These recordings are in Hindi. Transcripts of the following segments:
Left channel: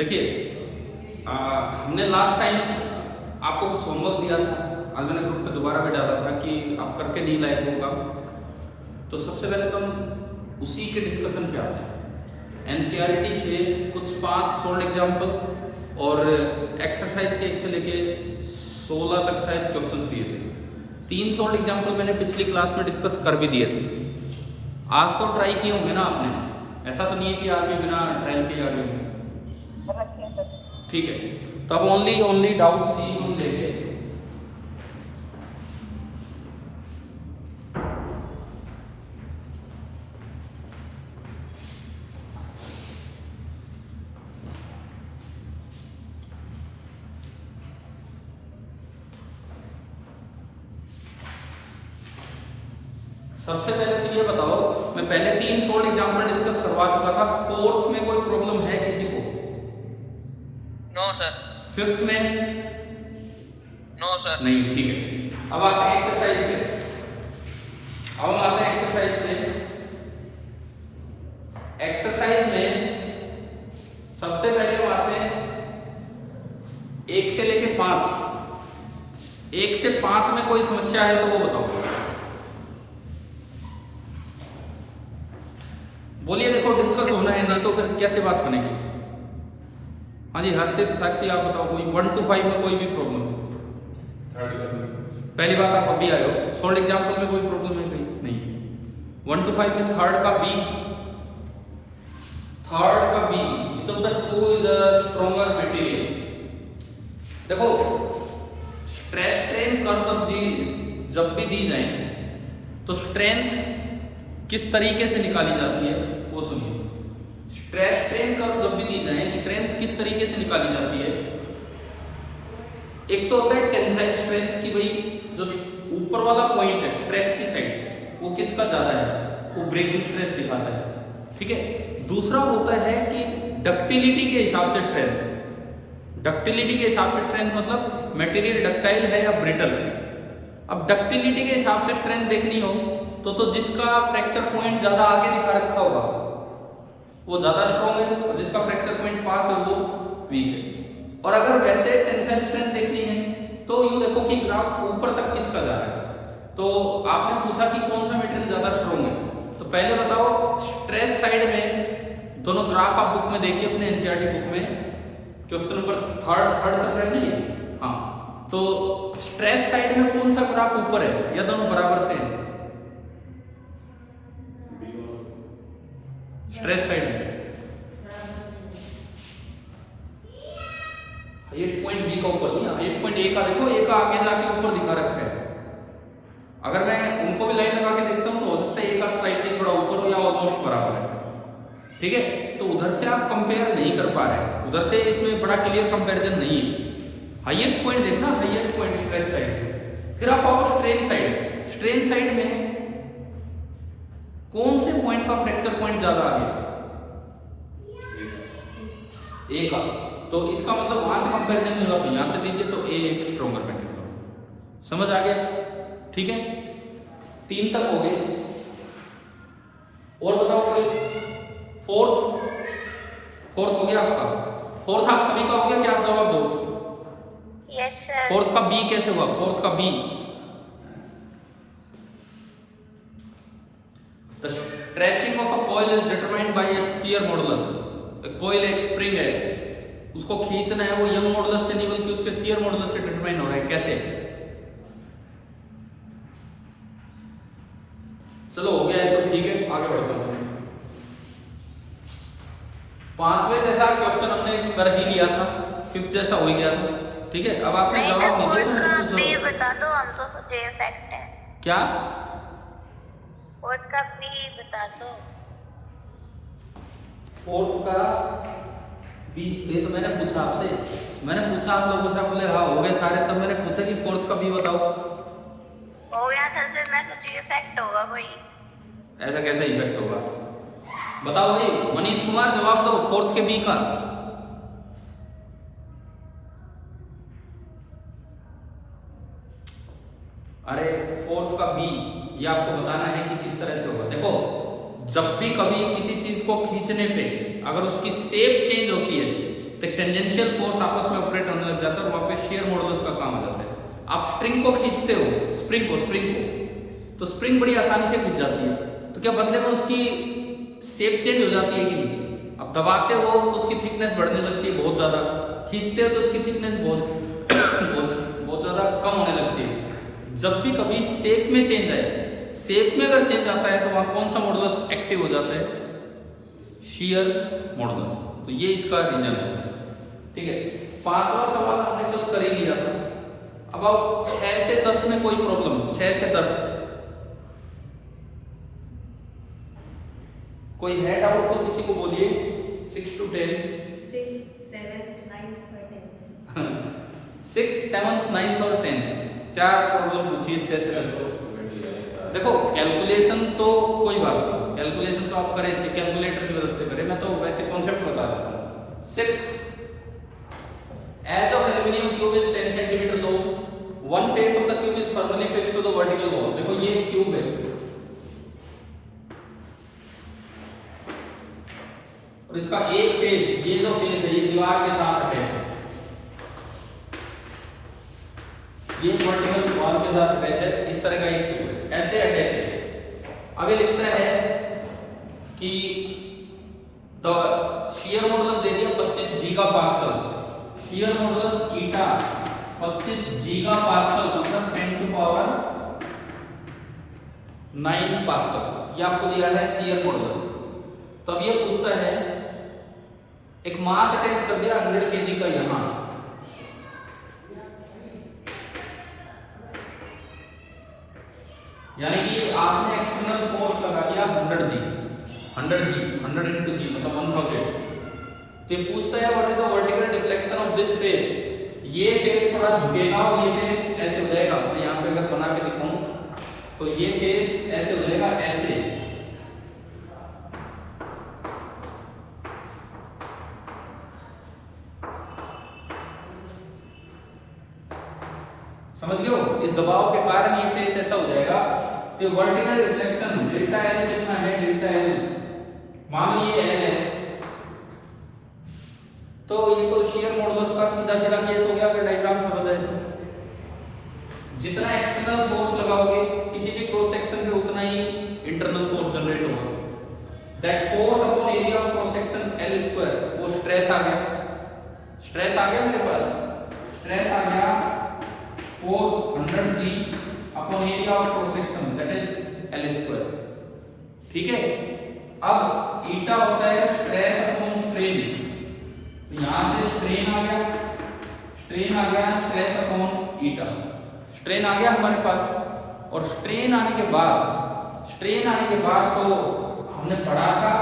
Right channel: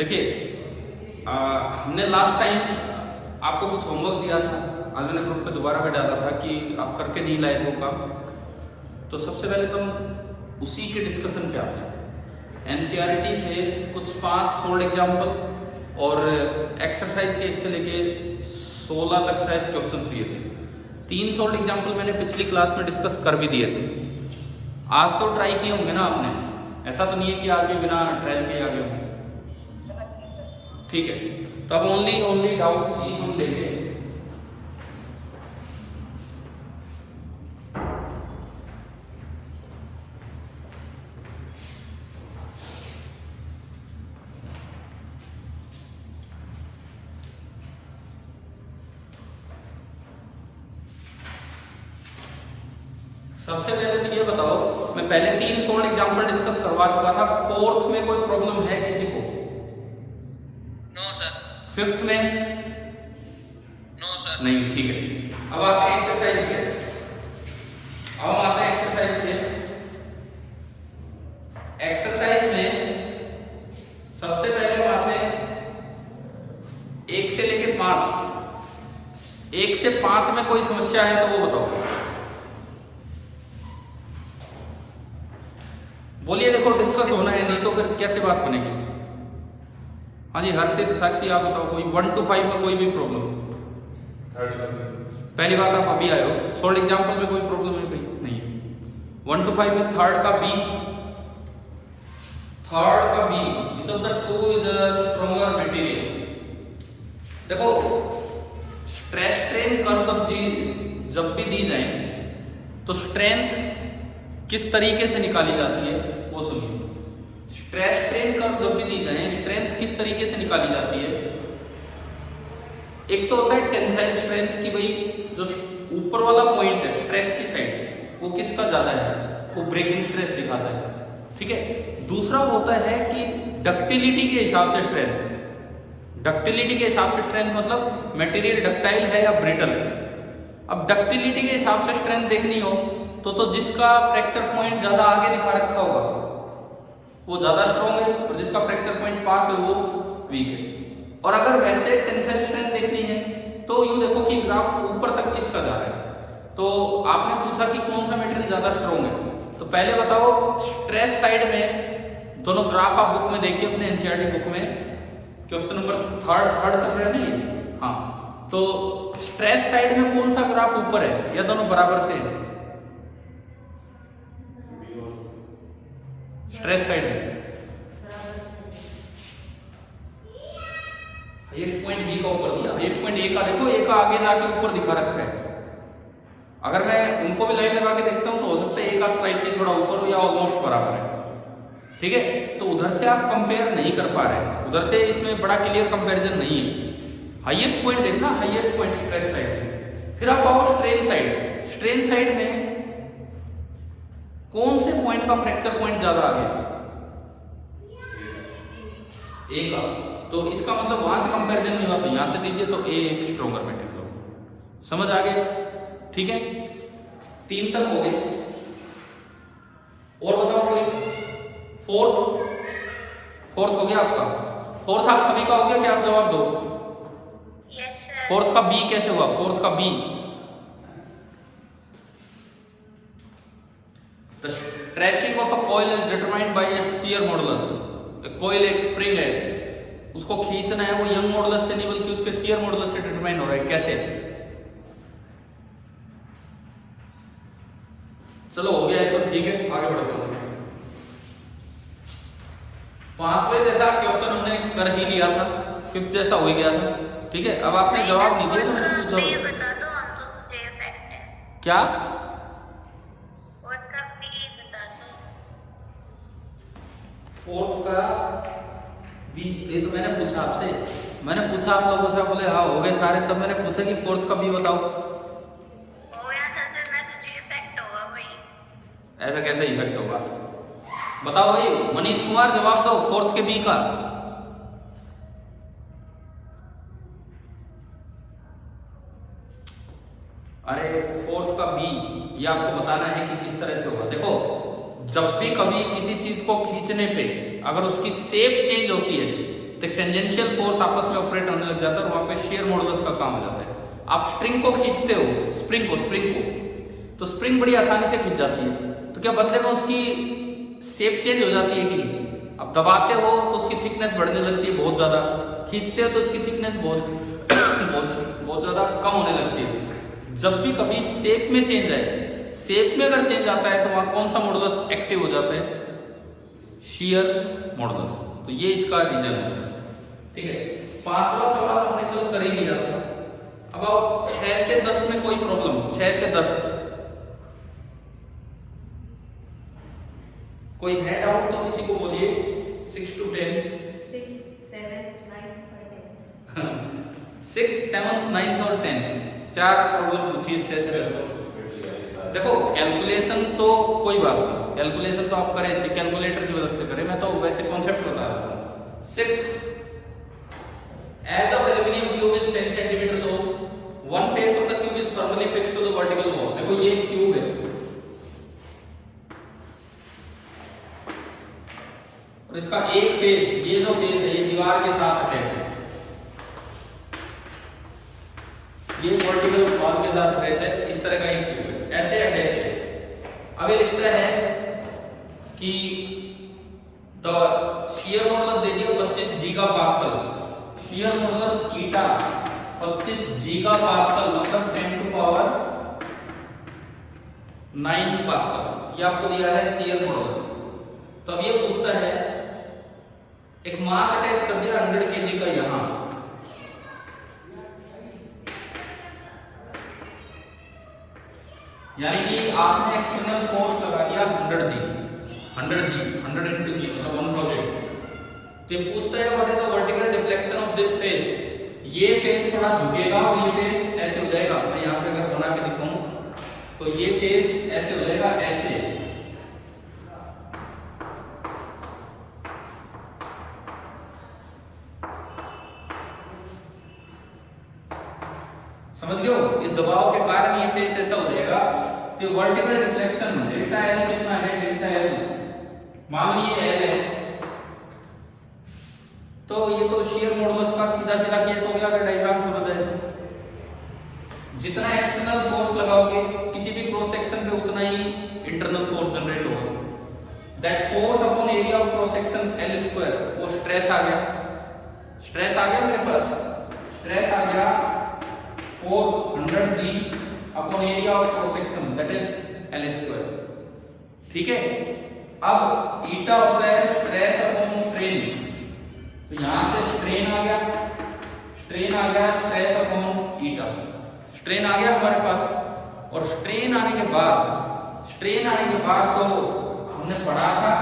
देखिए हमने लास्ट टाइम आपको कुछ होमवर्क दिया था, आज मैंने ग्रुप पे दोबारा भी डाला था कि आप करके नहीं लाए थे वो काम। तो सबसे पहले तो हम उसी के डिस्कशन पे आते हैं। एनसीईआरटी से कुछ 5 सोल्ड एग्जाम्पल और एक्सरसाइज के 1 से लेके 16 तक शायद क्वेश्चन दिए थे। 3 सोल्ड एग्जाम्पल मैंने पिछली क्लास में डिस्कस कर भी दिए थे। आज तो ट्राई किए होंगे ना आपने, ऐसा तो नहीं है कि आज भी बिना ट्रायल के आ गए होंगे। ठीक है, तो अब ओनली डाउट सी हम लेंगे। सबसे पहले तो ये बताओ, मैं पहले 3 सोल्ड एग्जाम्पल डिस्कस करवा चुका था। 4th में कोई प्रॉब्लम है किसी को? No sir. 5th में? No sir. नहीं, ठीक है। अब आते हैं एक्सरसाइज पे। अब हम आते हैं एक्सरसाइज पे। एक्सरसाइज में सबसे पहले हम आते हैं 1 से लेके 5। 1 से 5 में कोई समस्या है तो वो बताओ। बोलिए, देखो डिस्कस होना है, नहीं तो फिर कैसे बात बनेगी। हाँ जी, हर्षित, साक्षी, आप बताओ कोई 1 to 5 में कोई भी प्रॉब्लम? पहली बात, आप अभी आए हो, सोल्ड एग्जाम्पल में कोई प्रॉब्लम है कहीं? नहीं। 1 to 5 में थर्ड का B, which of the two is a stronger material? देखो, स्ट्रेस स्ट्रेन कर्व जब भी दी जाए तो स्ट्रेंथ किस तरीके से निकाली जाती है वो सुनिए। स्ट्रेस स्ट्रेन कर्व जब भी दी जाए, स्ट्रेंथ किस तरीके से निकाली जाती है? एक तो होता है टेंसाइल स्ट्रेंथ की, भाई जो ऊपर वाला पॉइंट है स्ट्रेस की साइड, वो किसका ज्यादा है, वो ब्रेकिंग स्ट्रेस दिखाता है। ठीक है। दूसरा होता है कि डक्टिलिटी के हिसाब से स्ट्रेंथ। डक्टिलिटी के हिसाब से स्ट्रेंथ मतलब मटेरियल डक्टाइल है या ब्रिटल है। अब डक्टिलिटी के हिसाब से स्ट्रेंथ देखनी हो तो जिसका फ्रैक्चर पॉइंट ज्यादा आगे दिखा रखा होगा वो ज्यादा स्ट्रॉन्ग है, और जिसका फ्रैक्चर पॉइंट पास है वो वीक है। और अगर वैसे टेंसाइल स्ट्रेंथ देखनी है तो यूं देखो कि ग्राफ ऊपर तक किसका जा रहा है। तो आपने पूछा कि कौन सा मटेरियल ज्यादा स्ट्रॉन्ग है, तो पहले बताओ स्ट्रेस साइड में दोनों ग्राफ आप बुक में देखिए, अपने एनसीईआरटी बुक में क्वेश्चन नंबर थर्ड चल रहा है नहीं है? हाँ, तो स्ट्रेस साइड में कौन सा ग्राफ ऊपर है या दोनों बराबर से? स्ट्रेस साइड में हाईएस्ट पॉइंट बी का ऊपर नहीं, हाईएस्ट पॉइंट ए का देखो, ए का आगे जाके ऊपर दिखा रखा है। अगर मैं उनको भी लाइन लगा के देखता हूं तो हो सकता है ए का स्लाइटली थोड़ा ऊपर हो या ऑलमोस्ट बराबर है। ठीक है, तो उधर से आप कंपेयर नहीं कर पा रहे, उधर से इसमें बड़ा क्लियर कंपैरिजन नहीं है। हाईएस्ट पॉइंट देखना, हाईएस्ट पॉइंट स्ट्रेस साइड। फिर आप आओ स्ट्रेन साइड। स्ट्रेन साइड में कौन से पॉइंट का फ्रैक्चर पॉइंट ज्यादा आ गया? ए का। तो इसका मतलब वहां से कंपैरिजन नहीं हुआ, तो यहां से दीजिए तो ए एक स्ट्रॉन्गर मटेरियल। समझ आ गया? ठीक है, 3 तक हो गए। और बताओ कोई? फोर्थ हो गया आपका? फोर्थ आप सभी का हो गया? क्या आप जवाब दो? Yes sir. फोर्थ का बी कैसे हुआ? फोर्थ का B, the stretching of a coil is determined by its shear modulus. Coil एक स्प्रिंग है, उसको खींचना है, वो यंग मॉडुलस से नहीं बल्कि उसके शियर मॉडुलस से डिटरमाइन हो रहा है। कैसे? चलो हो गया है तो ठीक है, आगे बढ़ते हैं। 5वें जैसा क्वेश्चन हमने कर ही लिया था, 5th जैसा हो ही गया था। ठीक है, अब आपने जवाब नहीं दिया तो मैंने पूछा। ये बता दो, हम तो सोचे फैक्ट है क्या? फोर्थ का भी बता दो। फोर्थ का बी, ये तो मैंने पूछा आपसे, मैंने पूछा, आप लोग पूछा, बोले हाँ हो गए सारे, तब मैंने पूछा कि फोर्थ का बी बताओ। हो गया था, फिर मैं सोची फैक्ट होगा कोई। ऐसा कैसा इफेक्ट होगा? बताओ भाई, मनीष कुमार जवाब दो फोर्थ के बी का। अरे फोर्थ का बी, ये आपको बताना है कि किस तरह से होगा। देखो, जब भी कभी किसी चीज को खींचने पे अगर उसकी शेप चेंज होती है, तो एक टेंजेंशियल फोर्स आपस में ऑपरेट होने लग जाता है और वहां पे शेयर मॉडुलस का काम हो जाता है। आप स्ट्रिंग को खींचते हो, स्प्रिंग को तो स्प्रिंग बड़ी आसानी से खींच जाती है, तो क्या बदले में उसकी शेप चेंज हो जाती है कि नहीं? अब दबाते हो तो उसकी थिकनेस बढ़ने लगती है बहुत ज्यादा, खींचते हो तो उसकी थिकनेस बहुत ज्यादा कम होने लगती है। जब भी कभी शेप में चेंज आए, शेप में अगर चेंज आता है तो वहां कौन सा मॉडुलस एक्टिव हो जाता है? Shear modulus. तो ये इसका रीजन है। ठीक है, पांचवा सवाल हमने कल कर ही लिया था। अब आप 6 से 10 में कोई प्रॉब्लम? 6 से 10 कोई है डाउट तो किसी को बोलिए। 6 to 10 6, 7, 9 और 10 6, 7, 9 और 10 चार प्रॉब्लम पूछिए 6 से 10। देखो कैलकुलेशन तो कोई बात नहीं, कैलकुलेशन तो आप करें, कैलकुलेटर की मदद से करें, मैं तो वैसे कॉन्सेप्ट बता रहा था। 6 edge of aluminium cube is 10 centimetre लो, one face of the cube is firmly fixed to the vertical wall. देखो ये क्यूब है और इसका एक फेस, ये जो फेस है ये दीवार के साथ अटैच है, ये वर्टिकल वॉल के साथ अटैच है। इस तरह का एक क्यूब है, ऐसे अटैच है। अब ये लिखता है कि द शियर मॉडुलस दे दिया 25 गीगापास्कल, शियर मॉडुलस ईटा 25 गीगापास्कल मतलब 10 to पावर 9 पास्कल, ये आपको दिया है शियर मॉडुलस। तो अब ये पूछता है एक मास अटैच कर दिया 100 kg का यहां, यानी कि आपने एक्सटर्नल फोर्स लगा दिया 100 G into G मतलब 1000। तो ये पूछता है what is the vertical deflection of this face. ये फेस थोड़ा झुकेगा और ये फेस ऐसे हो जाएगा। मैं यहां पे अगर बना के दिखाऊं तो ये फेस ऐसे हो जाएगा, ऐसे। समझ गए हो? इस दबाव के कारण ये फेस ऐसा हो जाएगा। तो वर्टिकल डिफ्लेक्शन डेल्टा एल कितना है? डेल्टा एल मान लीजिए एल है, तो ये तो शियर मॉडुलस का सीधा सीधा केस हो गया अगर डायग्राम समझ आए तो। जितना एक्सटर्नल फोर्स लगाओगे किसी भी क्रॉस सेक्शन पे उतना ही इंटरनल फोर्स जनरेट होगा। That force upon area of cross section L square, वो स्ट्रेस आ गया, स्ट्रेस आ गया मेरे पास, स्ट्रेस आ गया force 100 G upon area of cross section that is L square. ठीक है, अब ईटा होता है स्ट्रेस अपॉन स्ट्रेन, तो यहां से स्ट्रेन आ गया, स्ट्रेस अपॉन ईटा, स्ट्रेन आ गया हमारे पास। और स्ट्रेन आने के बाद तो हमने पढ़ा था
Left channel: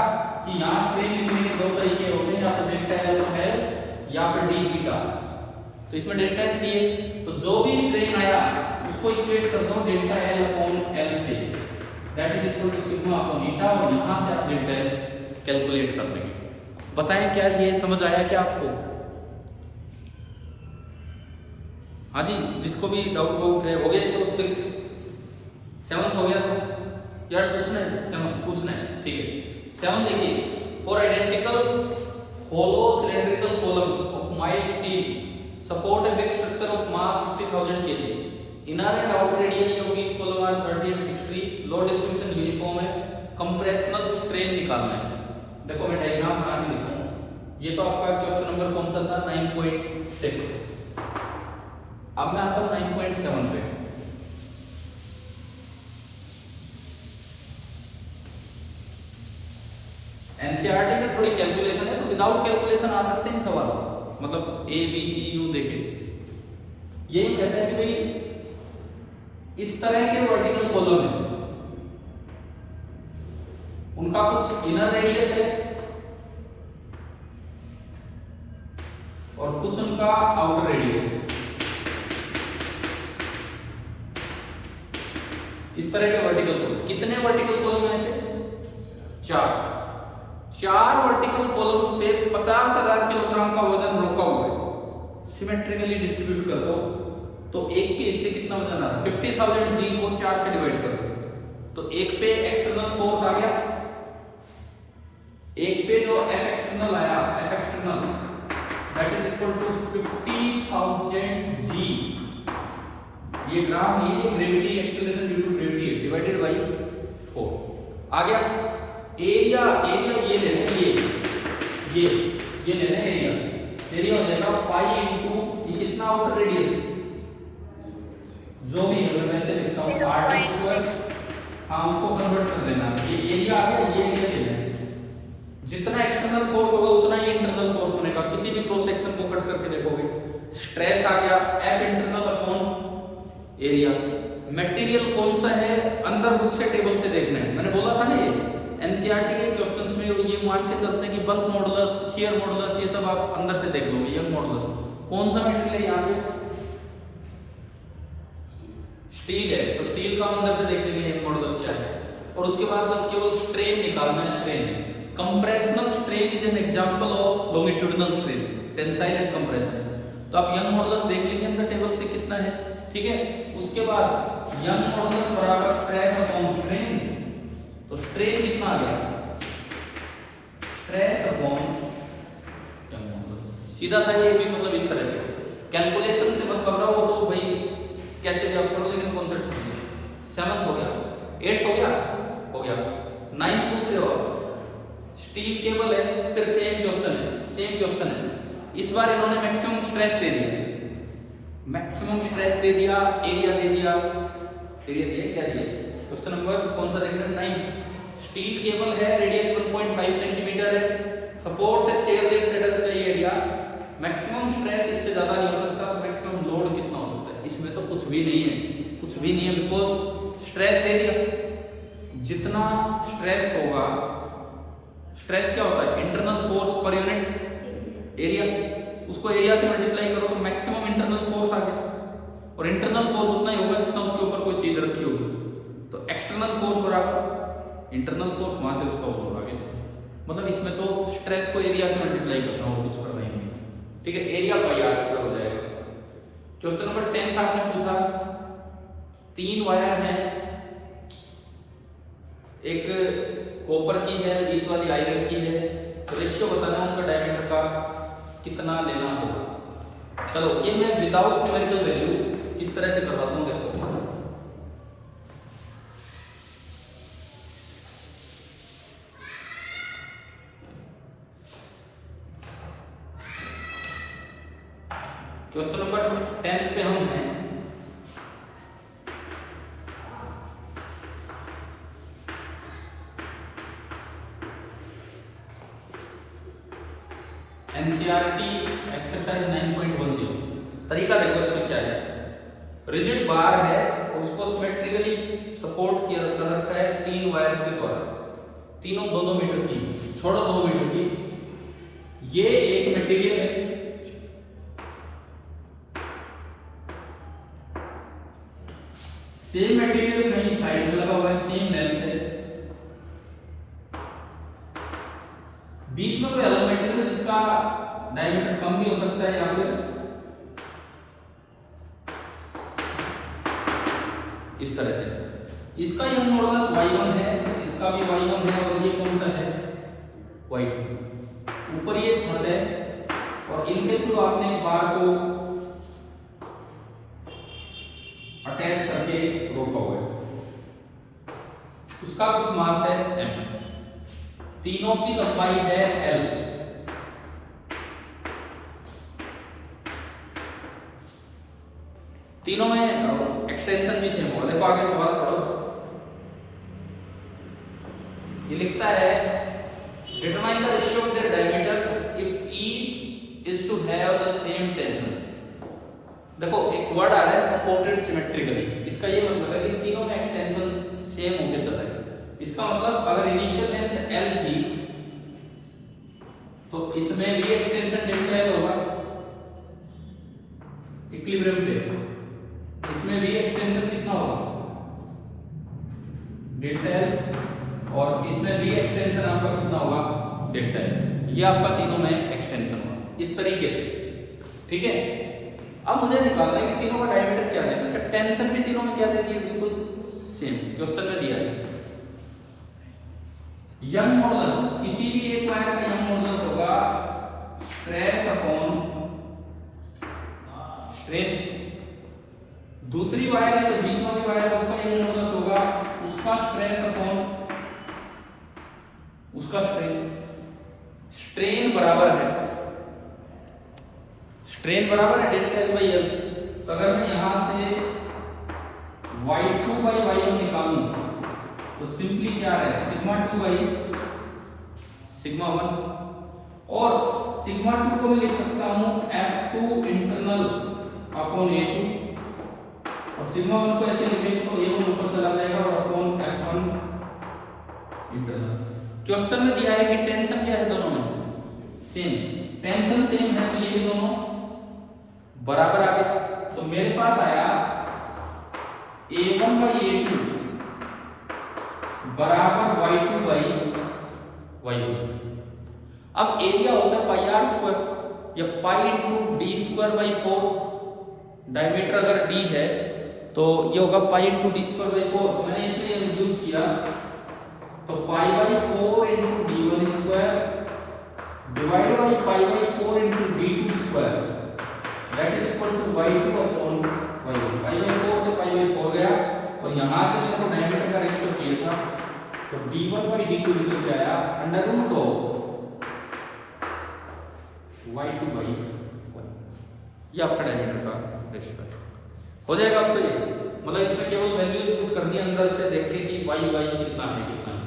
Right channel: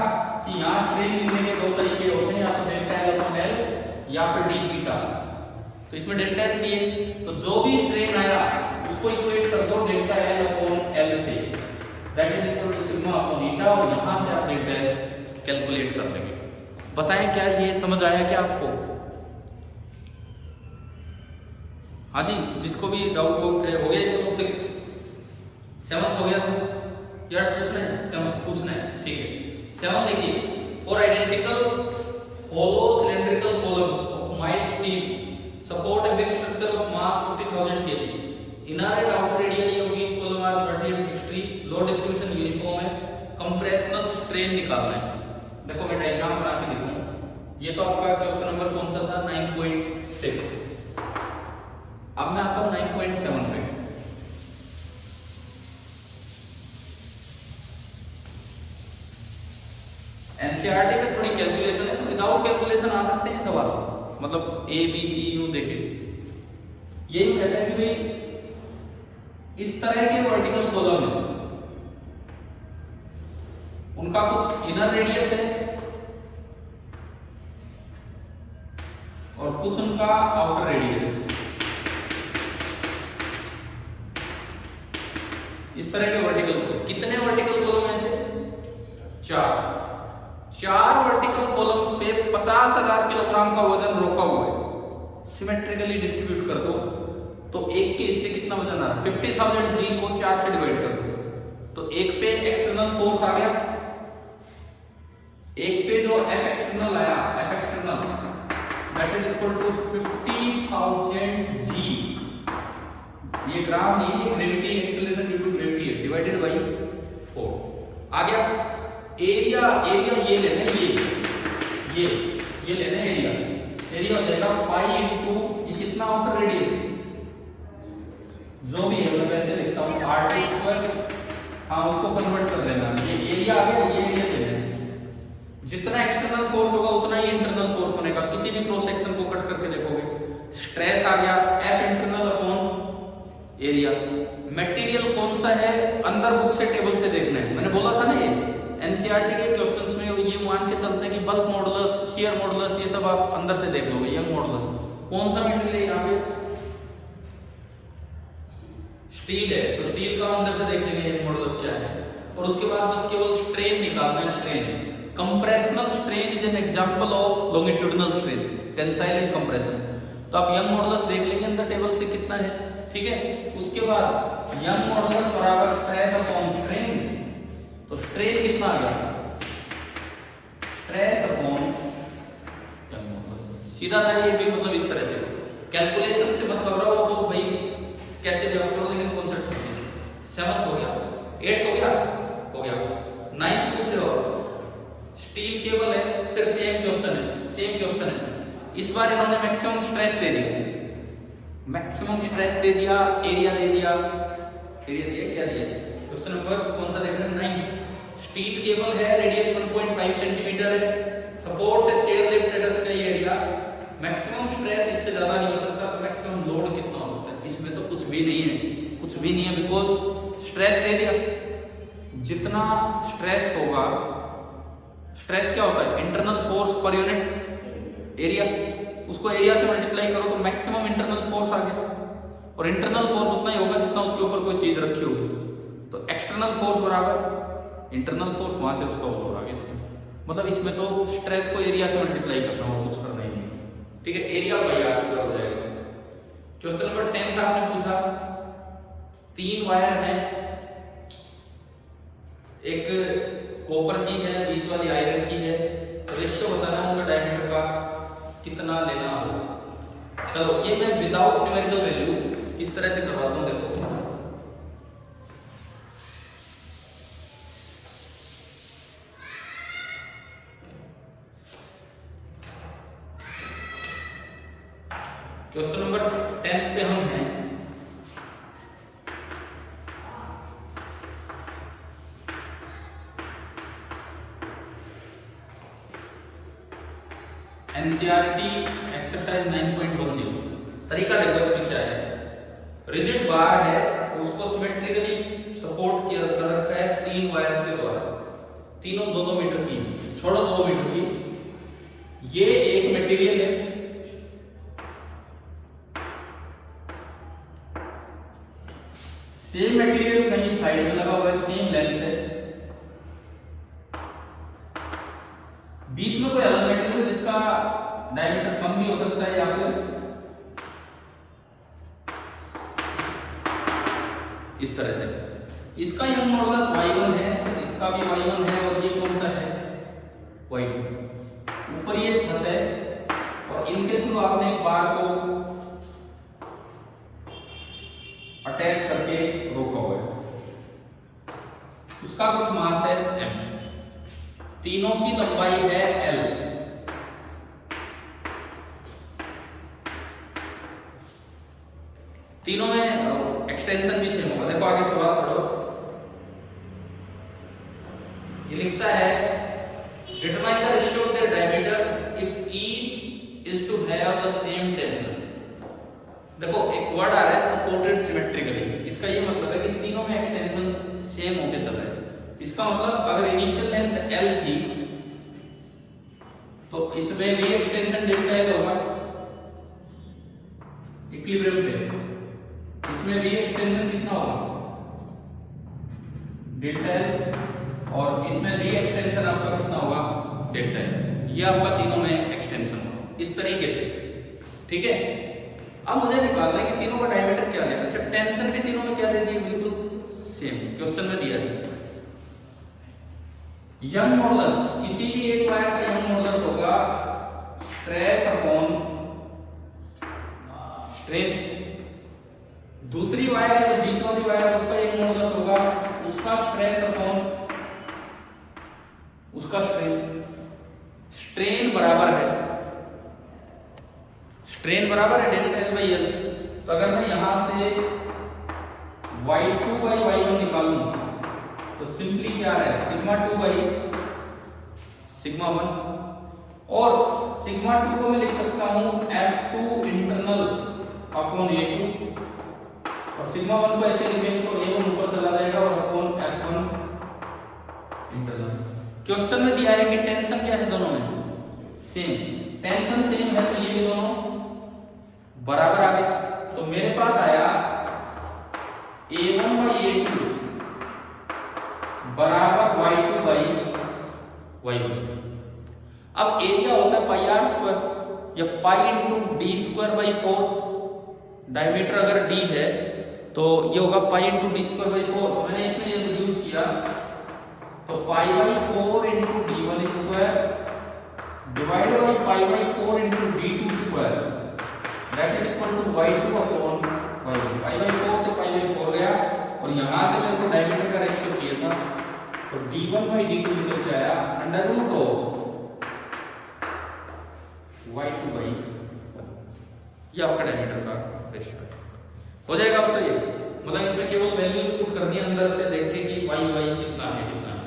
कि यहाँ स्ट्रेन लिखने के दो तरीके होते हैं, या तो डेल्टा एल अपॉन एल या फिर डी थीटा। तो इसमें डेल्टा एल चाहिए, तो जो भी स्ट्रेन आया उसको इक्वेट कर दो डेल्टा एल अपॉन एल से, that is equal to sigma upon eta, और यहां से आप डेल्टा एल कैलकुलेट कर लेंगे। बताएं क्या ये समझ आया क्या आपको? हाँ जी, जिसको भी डाउट हो गया तो 6th 7th हो गया था यार, पूछना है 7th पूछना है। ठीक है, 7 देखिए, four identical hollow cylindrical columns of mild steel support a big structure of mass 50,000 kg, inner and outer radii of each column are 30 and 60, load distribution uniform है, कंप्रेशनल स्ट्रेन निकालना है। देखो मैं डायग्राम बना के लिखूं, ये तो आपका क्वेश्चन नंबर कौन सा था? 9.6। अब मैं आता हूं 9.7 पे। एनसीईआरटी में थोड़ी कैलकुलेशन है, तो विदाउट कैलकुलेशन आ सकते हैं सवाल, मतलब ए बी सी यू देखे। यही कहते हैं कि भाई इस तरह के वर्टिकल कॉलम है, उनका कुछ इनर रेडियस है और कुछ उनका आउटर रेडियस है। इस तरह के वर्टिकल कॉलम, कितने वर्टिकल कॉलम है? 4 वर्टिकल कॉलम्स पे 50,000 किलोग्राम का वजन रोका हुआ है। सिमेट्रिकली डिस्ट्रीब्यूट कर दो तो एक के हिस्से कितना वजन आ रहा है? 50,000 G को 4 से डिवाइड कर दो तो एक पे एक्सटर्नल फोर्स आ गया, एक पे जो F एक्सटर्नल आया, F external that that is equal to 50,000 g, ये ग्राम नहीं है, ये gravity acceleration due to gravity है, डिवाइडेड बाई 4 आ गया। एरिया ये लेना है, ये लेना है एरिया हो जाएगा पाई इंटू ये कितना आउटर रेडियस जो भी है, मैं वैसे लिखता हूँ r², हाँ उसको कन्वर्ट कर देना, ये एरिया आ गया, ये एरिया लेना है। जितना एक्सटर्नल फोर्स होगा उतना ही इंटरनल फोर्स बनेगा। किसी भी क्रॉस सेक्शन को कट करके देखोगे, स्ट्रेस आ गया F internal upon area. Material कौन सा है अंदर बुक से टेबल से देखना है, मैंने बोला था ना, ये एनसीईआरटी के क्वेश्चंस में ये मान के चलते हैं कि बल्क मॉडुलस, शियर मॉडुलस, ये सब आप अंदर से देख लोगे। यंग मॉडुलस कौन सा मटेरियल है, यहाँ पे स्टील है, तो स्टील का अंदर से देख लेंगे यंग मॉडुलस क्या है। और उसके बाद बस केवल स्ट्रेन निकालना है, strain. Compressional strain is an example of longitudinal strain, tensile and compression. तो आप यंग मॉडुलस देख लेंगे अंदर टेबल से कितना है, ठीक है। उसके बाद यंग मॉडुलस बराबर स्ट्रेस अपॉन स्ट्रेन, तो स्ट्रेन कितना आ गया, स्ट्रेस अपॉन यंग मॉडुलस। सीधा था ये भी, मतलब इस तरह से कैलकुलेशन से मत घबराओ, तो भाई कैसे जब करोगे, लेकिन कॉन्सेप्ट समझो। 7th हो गया, 8th हो गया 9th पूछ रहे हो, स्टील केबल है, फिर सेम क्वेश्चन है। इस बार इन्होंने मैक्सिमम स्ट्रेस दे दिया, एरिया दे दिया, क्या दिया, क्वेश्चन नंबर कौन सा देखना, 9th। स्टील केबल है, रेडियस 1.5 सेंटीमीटर है, सपोर्ट से चेयर लिफ्ट स्टेटस का एरिया, मैक्सिमम स्ट्रेस इससे ज्यादा नहीं हो सकता, तो मैक्सिमम लोड कितना हो सकता है, इसमें तो कुछ भी नहीं है, बिकॉज स्ट्रेस दे दिया। जितना स्ट्रेस होगा, स्ट्रेस क्या होता है, internal force per unit area, उसको एरिया से मल्टीप्लाई करो तो मैक्सिमम इंटरनल फोर्स आ गया। और इंटरनल फोर्स उतना ही होगा जितना उसके ऊपर कोई चीज रखी होगी, तो एक्सटर्नल फोर्स बराबर इंटरनल फोर्स, वहां से उसका लोड आगे से, मतलब इसमें तो स्ट्रेस को एरिया से मल्टीप्लाई करना हो, कुछ करना ही नहीं है, ठीक है। एरिया पाई r² हो जाएगा। क्वेश्चन नंबर 10 का आपने पूछा, 3 वायर है, एक कॉपर की है, बीच वाली आयरन की है, रेशियो बताना है उनका डायमीटर का कितना लेना होगा। चलो ये मैं विदाउट न्यूमेरिकल वैल्यू इस तरह से करवाता हूं, देखो क्वेश्चन नंबर 10 पे हम हैं। NCERT exercise 9.10। तरीका देखो इसमें क्या है, रिजिड बार है, उसको सिमेट्रिकली सपोर्ट किया कर रखा है 3 वायर्स के द्वारा, तीनों 2-2 मीटर की, छोड़ो 2 मीटर की। ये एक मटेरियल है, सेम मटेरियल कहीं साइड में लगा हुआ है, सेम लेंथ है, बीच में कोई अलग मटेरियल जिसका डायमीटर कम भी हो सकता है, या फिर इस तरह से। इसका यंग मॉडुलस y1 है, इसका भी y1 है, और ये कौन सा है, y2। ऊपर ये छत है, और इनके थ्रू आपने बार को अटैच करके रोका हुआ है। उसका कुछ मास है m, तीनों की लंबाई है l, तीनों में एक्सटेंशन भी सेम होगा। देखो आगे सवाल पढ़ो, ये लिखता है determine the ratio of their diameters if each is to have the same tension. देखो एक वर्ड आ रहा है सपोर्टेड सिमेट्रिकली, इसका ये मतलब है कि तीनों में एक्सटेंशन सेम होके चल रहा है। इसका मतलब अगर इनिशियल लेंथ l थी तो इसमें भी एक्सटेंशन डेल्टा l होगा इक्विलिब्रियम पे, इसमें भी एक्सटेंशन कितना होगा डेल्टा l, और इसमें भी एक्सटेंशन आपका कितना होगा डेल्टा l। ये आपका तीनों में एक्सटेंशन होगा इस तरीके से, ठीक है। अब मुझे निकालना है कि तीनों का डायमीटर क्या है। अच्छा टेंशन भी तीनों में क्या दे दी है, बिल्कुल सेम क्वेश्चन में दिया है। यंग मॉडुलस, किसी भी एक वायर का यंग मॉडुलस होगा स्ट्रेस अपॉन स्ट्रेन। दूसरी वायर है जो बीच वाली वायर उसका एक मॉडुलस होगा, उसका स्ट्रेस अपॉन उसका स्ट्रेन। स्ट्रेन बराबर है डेल्टा एल बाई एल। तो अगर मैं यहां से y2 बाई y1 निकालूं तो सिंपली क्या है सिग्मा 2 बाई सिग्मा 1, और सिग्मा 2 को मैं लिख सकता हूं F2 इंटरनल अपॉन A2, और सिग्मा 1 को ऐसे लिखेंगे तो A1 ऊपर चला जाएगा और अपॉन F1 इंटरनल। क्वेश्चन में दिया है कि टेंशन क्या है दोनों में सेम, टेंशन सेम है तो ये भी दोनों बराबर आ गए। तो मेरे पास आया A1 बाई A2 बराबर Y2 बाई Y1। अब एरिया होता है पाई आर स्क्वायर या pi into D square by 4। Diameter अगर d है तो ये होगा pi into D square by 4। तो मैंने इसलिए यूज किया, तो pi by 4 into D1 square divide by pi by 4 into D2 square that is equal to Y2 upon Y1। Pi by 4 से पाई बाई 4 गया, और यहां से मेरे को डायमीटर का रेशियो चाहिए था, तो D1 बाई D2 निकल के आया under root of Y2 by Y। ये आपका डायमीटर का रेशियो हो जाएगा। अब तो ये मतलब इसमें केवल वैल्यूज पुट कर दिए अंदर से, देख के कि y y कितना है कितना है।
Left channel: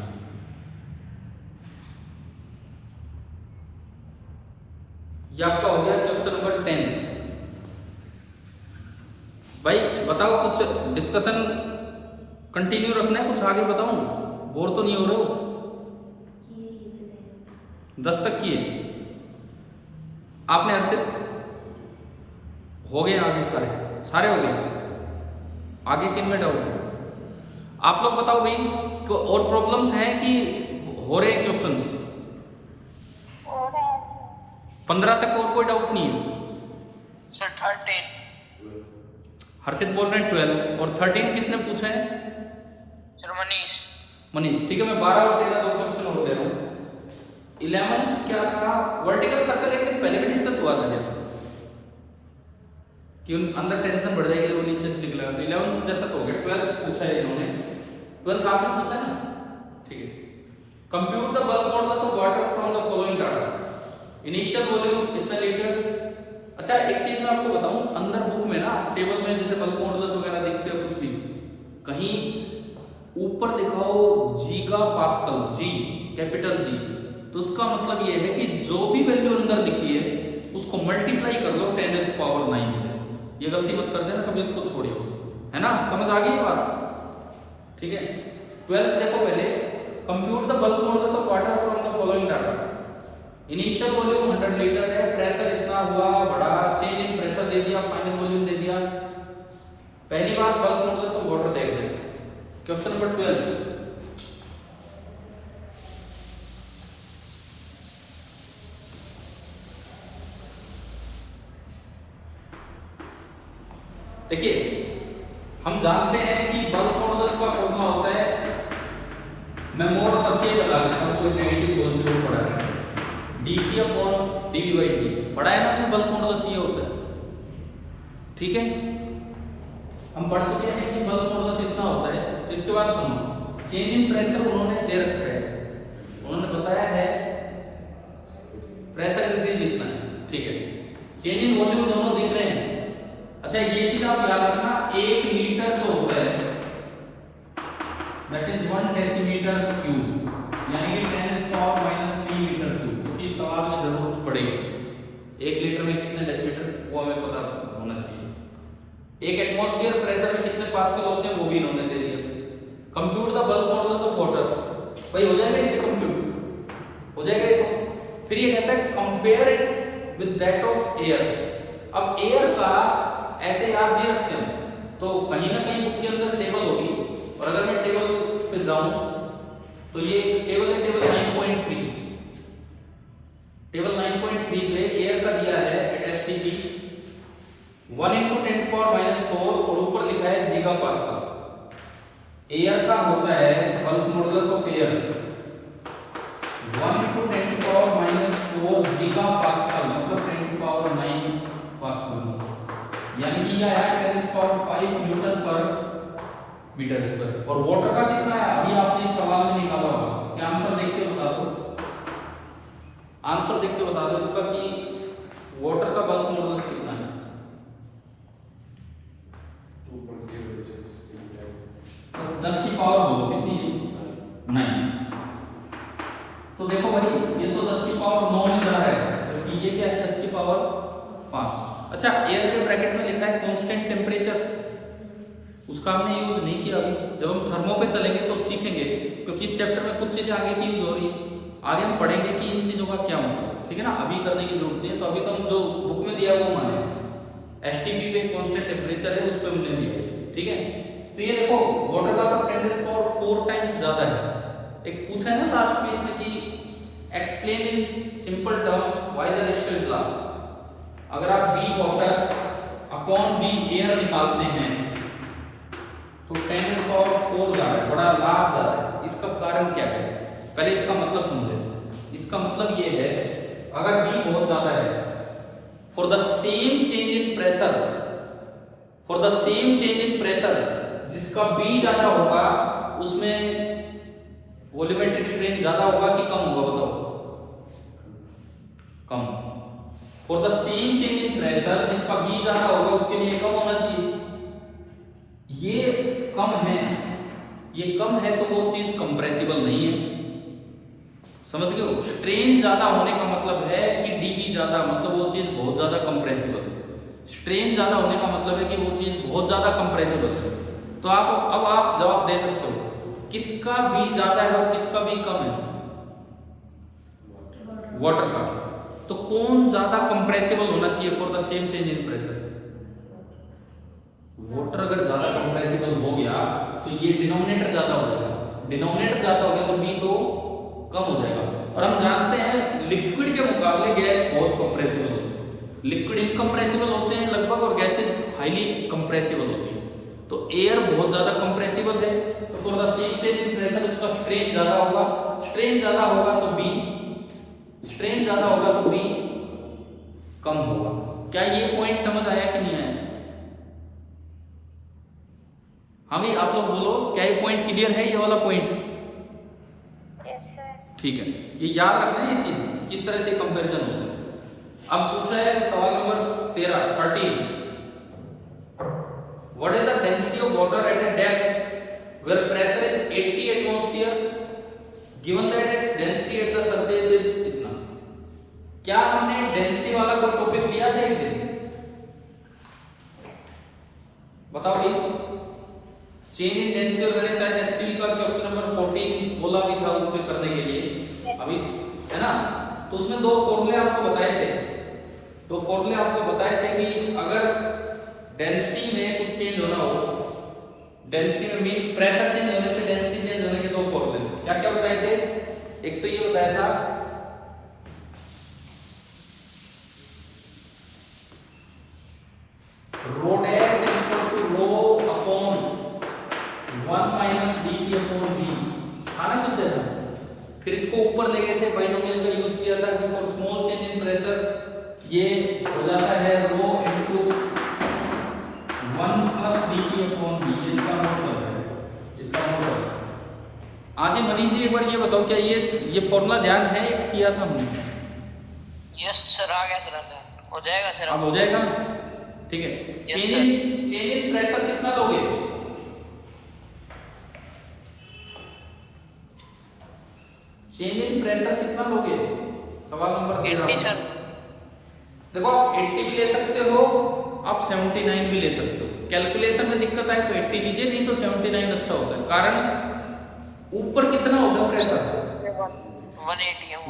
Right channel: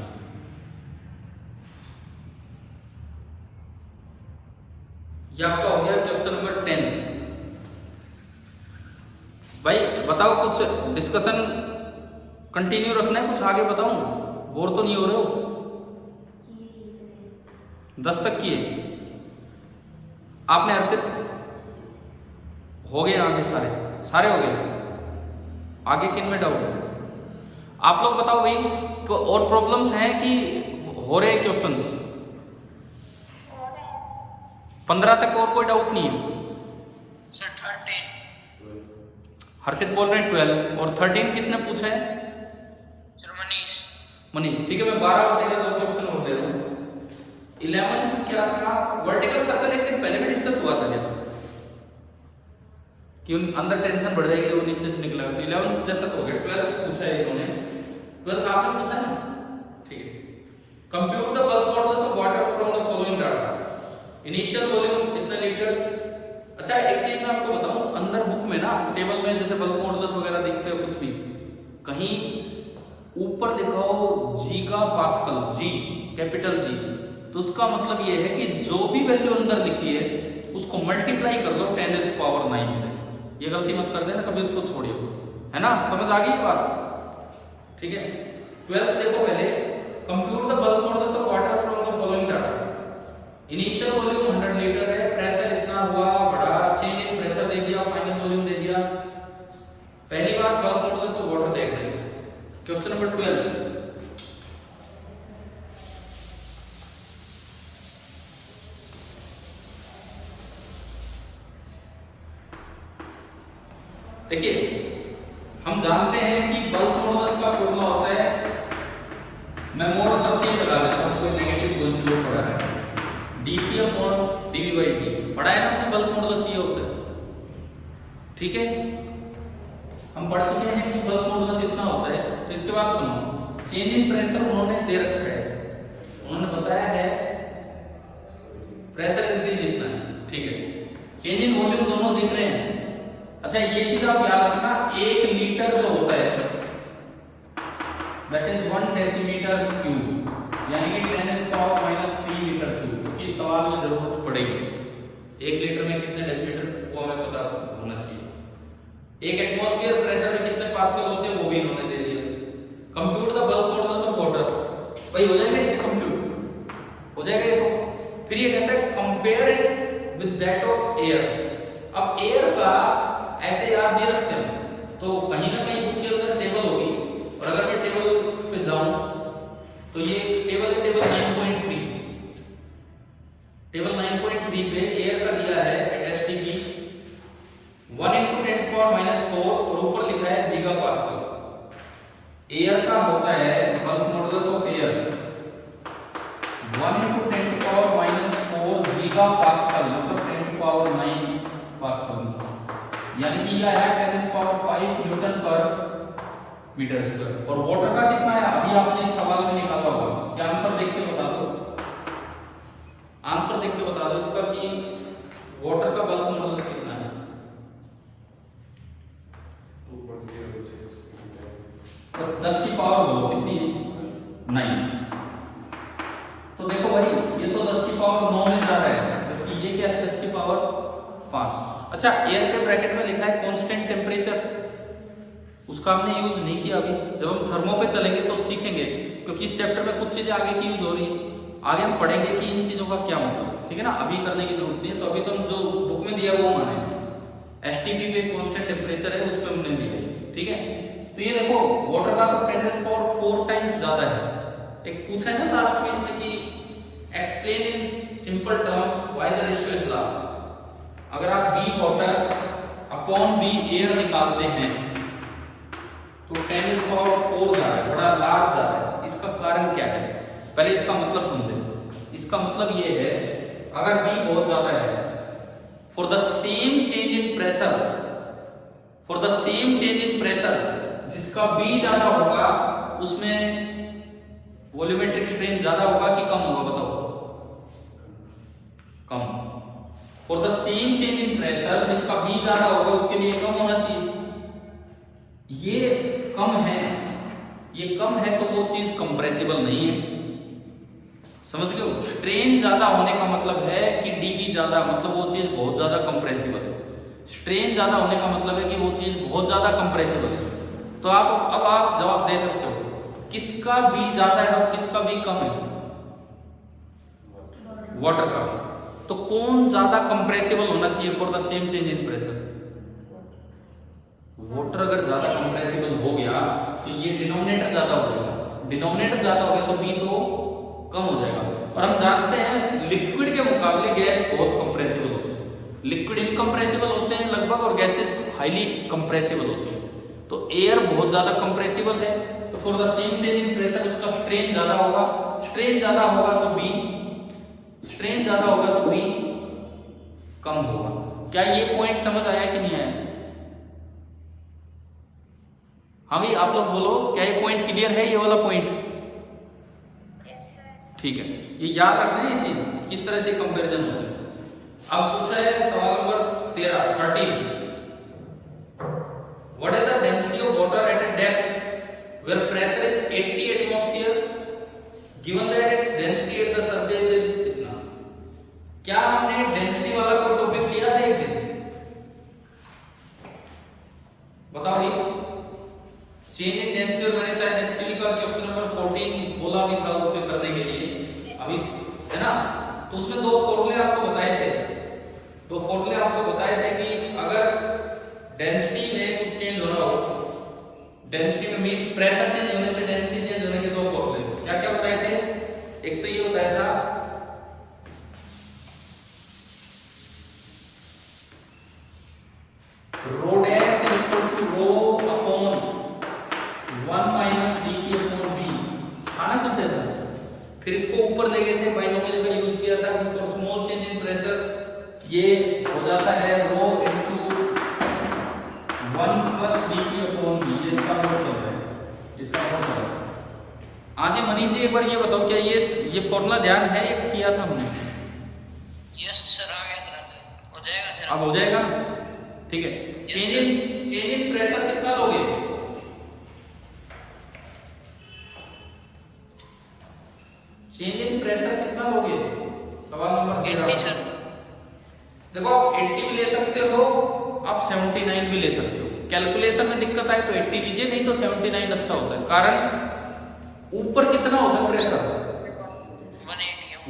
ये आपका हो गया क्वेश्चन नंबर 10। भाई बताओ कुछ डिस्कशन कंटिन्यू रखना है, कुछ आगे बताऊं, बोर तो नहीं हो रहे हो? 10 तक किए आपने? अर्षित हो गए आगे सारे हो गए, आगे किन में डाउट? आप लोग बताओ भाई, और प्रॉब्लम्स हैं कि हो रहे हैं क्वेश्चंस? 15 तक और कोई डाउट नहीं है? सर 13 हर्षित बोल रहे हैं 12, और 13 किसने पूछा है? सर मनीष। ठीक है, मैं 12 और 13 दो क्वेश्चन और दे रहा हूँ। 11 क्या था? वर्टिकल सर्कल एक दिन पहले भी डिस्कस हुआ था क्या, कि अंदर टेंशन बढ़ जाएगी और नीचे से निकलेगा। तो 11 जैसा तो हो गया। 12 पूछा है इन्होंने, 12 आपने पूछा है ना? ठीक है। Compute the bulk models of water from the following data. Initial volume इतना लीटर। अच्छा एक चीज मैं आपको बताऊं, अंदर बुक में ना टेबल में जैसे बल्क मॉडल्स वगैरह दिखते हैं कुछ भी, कहीं ऊपर दिखाओ giga pascal, G capital G, तो उसका मतलब ये है कि जो भी वैल्यू अंदर दिखी है उसको मल्टीप्लाई कर लो 10⁹ से। ये गलती मत कर देना कभी, इसको छोड़ियो, है ना? समझ आ गई ये बात? ठीक है। 12 देखो पहले, compute the bulk models of water from the following data. Initial volume 100 litre है, प्रेशर इतना हुआ, बढ़ा, चेंज इन प्रेशर दे दिया, फाइनल वॉल्यूम दे दिया। पहली बात बल्क मॉडल्स ऑफ वाटर देख रहे हैं। क्वेश्चन नंबर 12, देखिए हम जानते हैं कि बल्क मॉडुलस का फॉर्मूला होता है, मैं मोर सबके लगा देता हूं, कोई नेगेटिव पॉजिटिव पढ़ा है, dp upon dv by dt पढ़ा है ना हमने। बल्क मॉडुलस ये होता है, ठीक है, हम पढ़ चुके हैं कि बल्क मॉडुलस इतना होता है। तो इसके बाद सुनो, चेंज इन प्रेशर उन्होंने दे रखा है, उन्होंने बताया है प्रेशर इंक्रीज इतना है, ठीक है। चेंज इन वॉल्यूम दोनों दिख रहे हैं। अच्छा ये चीज आप याद रखना, 1 लीटर जो होता है दैट इज 1 डेसीमीटर क्यूब, यानी कि 10⁻³ मीटर क्यूब, क्योंकि सवाल में जरूरत पड़ेगी। 1 लीटर में कितने डेसीमीटर वो हमें पता होना चाहिए। 1 एटमॉस्फेयर प्रेशर में कितने पास्कल होते हैं वो भी इन्होंने दे दिया। Compute the bulk modulus of water, भाई हो जाएगा इससे कंप्यूट, हो जाएगा ये। तो फिर ये कहता है compare it with that of air. अब एयर का ऐसे याद नहीं रखते हैं, तो कहीं ना कहीं बुक के अंदर टेबल होगी, और अगर मैं टेबल पे जाऊं तो ये टेबल है, टेबल 9.3, टेबल 9.3 पे एयर का दिया है एट एसटीपी 1 × 10⁻⁴, और ऊपर लिखा है गीगा पास्कल। एयर का होता है bulk modulus of air 1 × 10⁻⁴ giga pascal, मतलब 10⁹ पास्कल। यानी कि ये आया 10⁵ न्यूटन पर मीटर स्क्वायर। और वाटर का कितना है अभी आपने इस सवाल में निकाला होगा। क्या आंसर देख के बता दो, आंसर देख के बता दो इसका कि वाटर का बल्क मॉडुलस कितना है। तो 10 की पावर बोलो कितनी है, 9। तो देखो भाई ये तो 10 की पावर 9 में जा रहा है, जबकि ये क्या है 10 की पावर 5। अच्छा एयर के ब्रैकेट में लिखा है कांस्टेंट टेम्परेचर, उसका हमने यूज नहीं किया अभी। जब हम थर्मो पे चलेंगे तो सीखेंगे, क्योंकि इस चैप्टर में कुछ चीजें आगे की यूज हो रही है, आगे हम पढ़ेंगे कि इन चीजों का क्या मतलब, ठीक है ना। अभी करने की जरूरत नहीं है, तो अभी तो हम जो बुक में दिया वो माने। एसटीपी पे कांस्टेंट टेम्परेचर है उस पर हमने दिया है, ठीक है। तो ये देखो वाटर का तो 10⁴ टाइम्स ज्यादा है। एक पूछा है ना लास्ट में इसमें कि explain in simple terms why the ratio is large. अगर आप B water upon B air निकालते हैं तो 10⁴ जा रहा है, बड़ा लार्ज जा रहा है। इसका कारण क्या है, पहले इसका मतलब समझें। इसका मतलब ये है अगर बी बहुत ज्यादा है, for the same change in pressure, for the same change in pressure, जिसका बी ज्यादा होगा उसमें वॉल्यूमेट्रिक स्ट्रेन ज्यादा होगा कि कम होगा, बताओ। कम। For the same change in pressure, जिसका बी ज्यादा होगा उसके लिए कम होना चाहिए। ये कम है, ये कम है तो वो चीज कंप्रेसिबल नहीं है, समझ गए हो। स्ट्रेन ज्यादा होने का मतलब है कि डीबी ज्यादा, मतलब वो चीज बहुत ज्यादा कंप्रेसिबल है। स्ट्रेन ज्यादा होने का मतलब है कि वो चीज बहुत ज्यादा कंप्रेसिबल है। तो अब आप जवाब दे सकते हो किसका बी ज्यादा है और किसका बी कम है, वाटर का। तो कौन ज्यादा कंप्रेसिबल होना चाहिए for the same change in pressure. Water अगर ज्यादा कंप्रेसिबल हो गया तो ये डिनोमिनेटर ज्यादा हो जाएगा, डिनोमिनेटर ज्यादा हो गया तो बी तो कम हो जाएगा। और हम जानते हैं लिक्विड के मुकाबले गैस बहुत कंप्रेसिबल होती है। लिक्विड इनकंप्रेसिबल होते हैं लगभग और गैसेस हाईली कंप्रेसिबल होती है। तो एयर बहुत ज्यादा कंप्रेसिबल है, तो for the same change in pressure उसका स्ट्रेन ज्यादा होगा। स्ट्रेन ज्यादा होगा तो बी, स्ट्रेन ज्यादा होगा तो बी कम होगा। क्या ये पॉइंट समझ आया कि नहीं आया? हाँ भाई आप लोग बोलो, क्या ये पॉइंट क्लियर है, ये वाला पॉइंट? ठीक है, ये याद रखना है ये चीज किस तरह से कंपैरिजन होता है। अब पूछा है सवाल number 13 what is the density of water at a depth where pressure is 80 atmosphere given that its density at the surface is इतना। क्या हमने डेंसिटी वाला कोई टॉपिक लिया था एक दिन? बताओ ये चेंज इन डेंसिटी और मैंने शायद एचसीवी का क्वेश्चन नंबर 14 बोला भी था उसमें करने के लिए अभी, है ना। तो उसमें दो फॉर्मूले आपको बताए थे, दो फॉर्मूले आपको बताए थे कि अगर डेंसिटी में कुछ चेंज होना हो, डेंसिटी में मींस प्रेशर चेंज होने से डेंसिटी चेंज होने के दो फॉर्मूले क्या क्या बताए थे। एक तो ये बताया था rho dash is equal to rho upon 1 minus dp upon v, था ना कुछ ऐसा। फिर इसको ऊपर ले गए थे, बाइनोमियल का यूज किया था कि for small change in pressure ये हो जाता है rho into 1 plus dp upon v। ये इसका मतलब है, इसका मतलब है। आज मनीष जी एक बार ये बताओ, क्या ये फॉर्मूला ध्यान है, एक किया था हमने? यस सर, आ गया तुरंत, हो जाएगा सर। अब हो जाएगा, ठीक है। चेंज इन प्रेशर कितना लोगे? चेंज इन प्रेशर कितना लोगे? सवाल नंबर 13। देखो आप 80 भी ले सकते हो, आप 79 भी ले सकते हो। कैलकुलेशन में दिक्कत आए तो 80 लीजिए, नहीं तो 79 अच्छा होता है। कारण ऊपर कितना होता है प्रेशर?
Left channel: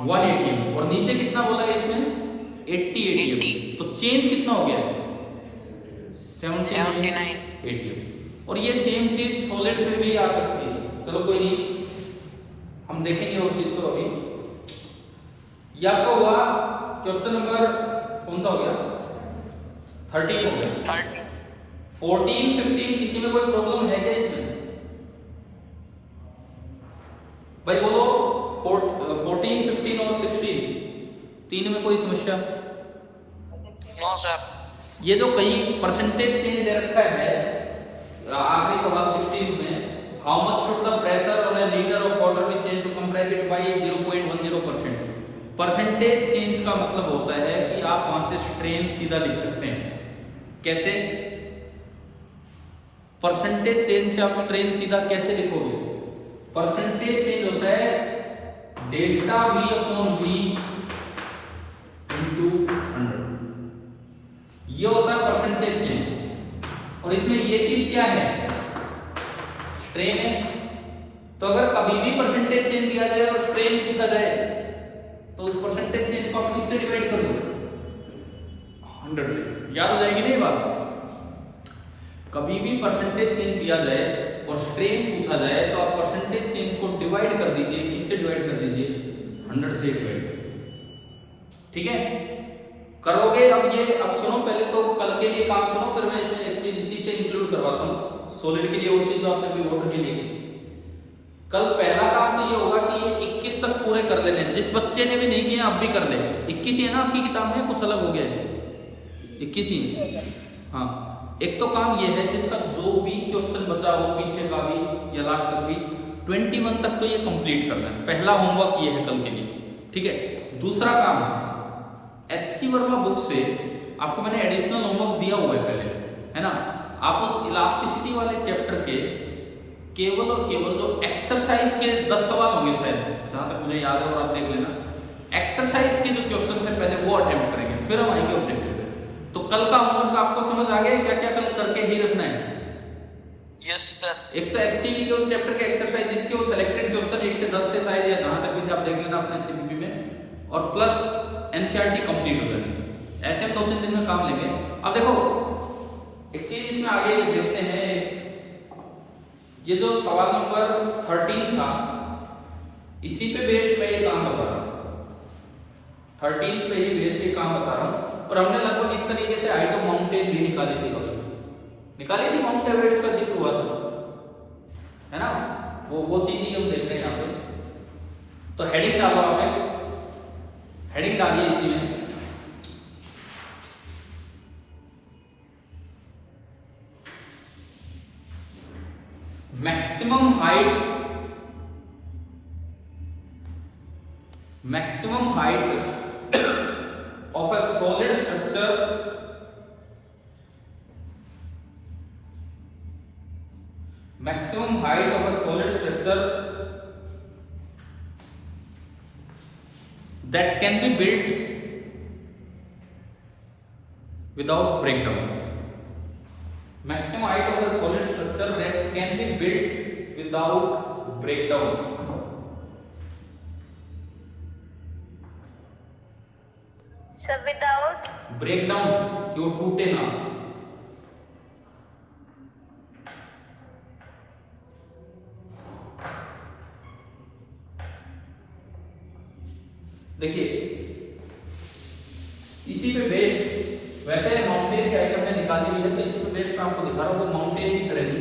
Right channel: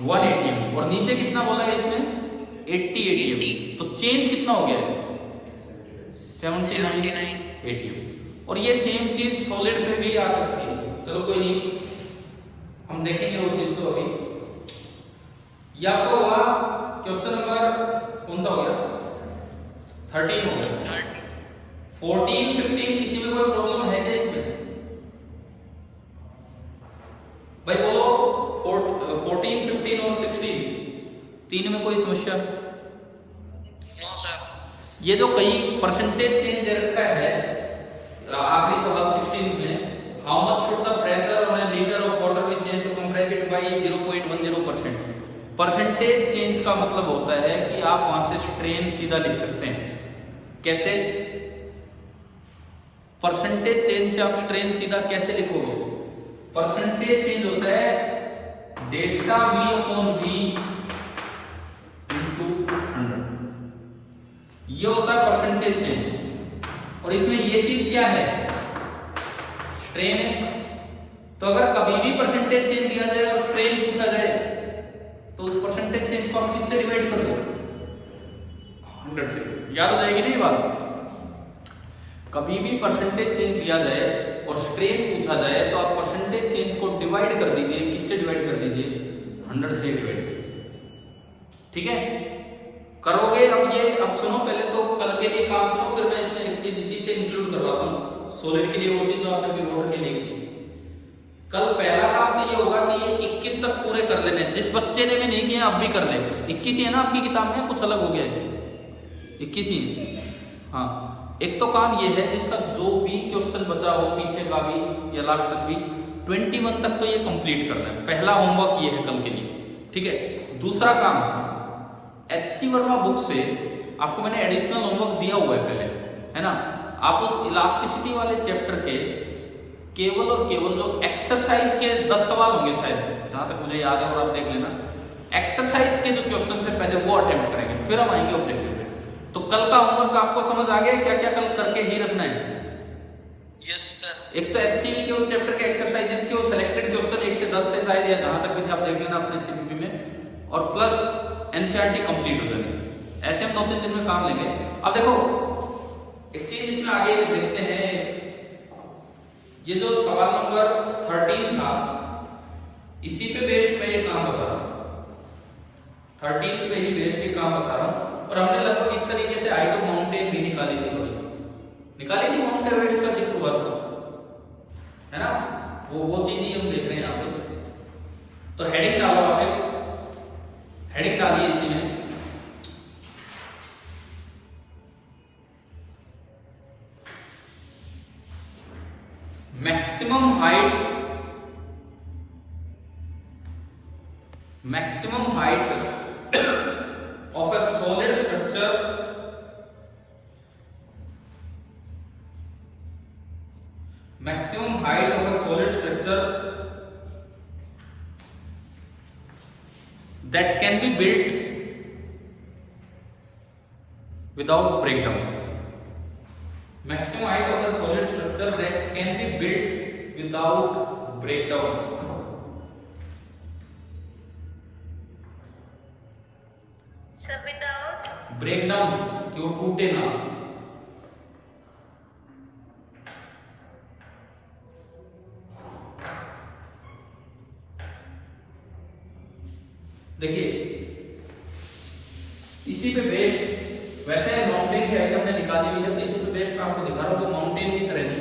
1 atm और नीचे कितना बोला है इसमें? 80 atm। तो चेंज कितना हो गया है? 79 atm। और ये सेम चीज सॉलिड पे भी आ सकती है। चलो कोई नहीं, हम देखेंगे वो चीज तो अभी। ये आपका हुआ क्वेश्चन नंबर कौन सा हो गया? 13 हो गया। 14 15 किसी में कोई प्रॉब्लम है क्या इसमें? भाई बोलो 14 15 और 16 तीन में कोई समस्या? No sir. ये जो कई परसेंटेज चेंज दे रखा है आखिरी सवाल 16 में, how much should the pressure on a litre of water be change to compress it by 0.10%। Percentage change का मतलब होता है कि आप वहां से स्ट्रेन सीधा लिख सकते हैं। कैसे? परसेंटेज चेंज से आप स्ट्रेन सीधा कैसे लिखोगे? परसेंटेज चेंज होता है delta V upon V into 100, ये होता है परसेंटेज चेंज। और इसमें ये चीज क्या है? स्ट्रेन है। तो अगर कभी भी परसेंटेज चेंज दिया जाए और स्ट्रेन पूछा जाए तो उस परसेंटेज चेंज को आप किससे डिवाइड कर दो? 100 से। याद हो जाएगी ना ये बात? कभी भी परसेंटेज चेंज दिया जाए और स्ट्रेन पूछा जाए तो आप परसेंटेज चेंज को डिवाइड कर दीजिए। किससे डिवाइड कर दीजिए? 100 से डिवाइड कर दीजिए। ठीक है, करोगे? अब सुनो, पहले तो कल के लिए काम सुनो, फिर मैं इसमें एक चीज इसी से इंक्लूड करवाता हूँ सॉलिड के लिए, वो चीज जो आपने भी नोट की लिखी। कल पहला काम तो ये होगा कि ये 21 तक पूरे कर लेने। जिस बच्चे ने भी नहीं किया आप भी कर ले। 21 ही है ना आपकी किताब में, कुछ अलग हो गया है? 21 ही। हाँ, एक तो काम ये है जिसका जो भी क्वेश्चन बचा हो पीछे का भी या लास्ट तक भी 21 तक तो ये कंप्लीट करना है। पहला होमवर्क ये है कल के लिए। ठीक है, दूसरा काम HC वर्मा बुक से आपको मैंने एडिशनल होमवर्क दिया हुआ है पहले, है ना? आप उस इलास्टिसिटी वाले चैप्टर के केवल और केवल जो एक्सरसाइज के 10 सवाल होंगे शायद, जहां तक मुझे याद है, और आप देख लेना, एक्सरसाइज के जो क्वेश्चन है पहले वो अटेम्प्ट करेंगे, फिर हम आएंगे ऑब्जेक्टिव पे। तो कल का होमवर्क आपको समझ आ गया क्या क्या कल करके ही रखना है? Yes sir. एक तो HCV के उस चैप्टर के एक्सरसाइजेस के वो सिलेक्टेड क्वेश्चन 1 से 10 थे शायद, या जहां तक भी थे आप देख लेना अपने CPP में, और प्लस NCERT कंप्लीट हो जानी चाहिए। ऐसे हम 2-3 दिन में काम लेंगे। अब देखो एक चीज इसमें आगे देखते हैं, ये जो सवाल नंबर 13 था इसी पे बेस्ड पे काम बता रहा हूं, 13 पे ही बेस्ड के काम बता रहा हूं। और हमने लगभग इस तरीके से हाइट ऑफ माउंटेन भी निकाली थी, कभी निकाली थी, माउंट एवरेस्ट का जिक्र हुआ था, है ना? वो चीज ही हम देख रहे हैं यहाँ पे। तो हेडिंग डालो, आप हेडिंग डालिए इसी में, maximum height of a solid structure that can be built without breakdown. Maximum height of a solid structure that can be built without breakdown. Sir without breakdown, क्यों टूटे ना। देखिए इसी पे बेस्ड, वैसे माउंटेन की हाइट हमने निकाली हुई है तो इसी पे बेस्ड मैं आपको दिखा रहा हूं। तो माउंटेन की तरह ही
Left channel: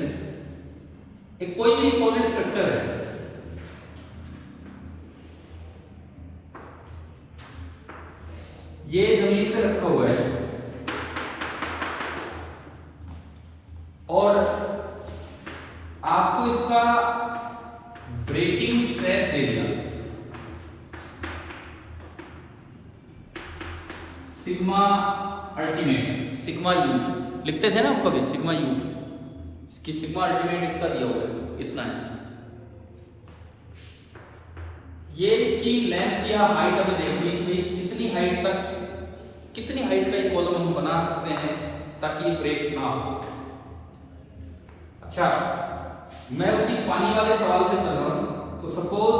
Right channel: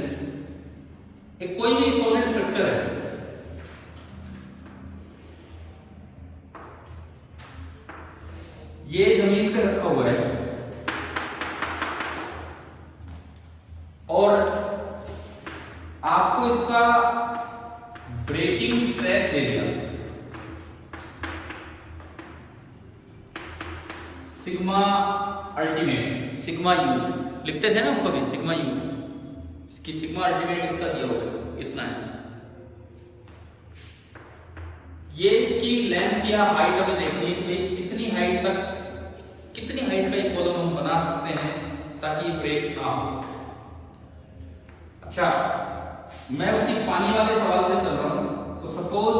एक कोई भी सॉलिड स्ट्रक्चर है, ये जमीन पे रखा हुआ है और आपको इसका ब्रेकिंग स्ट्रेस दे दिया सिग्मा अल्टीमेट, सिग्मा यू लिखते थे ना हम कभी, सिग्मा यू, इसकी सिग्मा अल्टीमेट इसका दिया हुआ है, इतना है। ये इसकी लेंथ या हाइट अभी देखनी है कि भाई कितनी हाइट का एक कॉलम हम बना सकते हैं ताकि ये ब्रेक ना हो। अच्छा, मैं उसी पानी वाले सवाल से चल रहा हूं। तो सपोज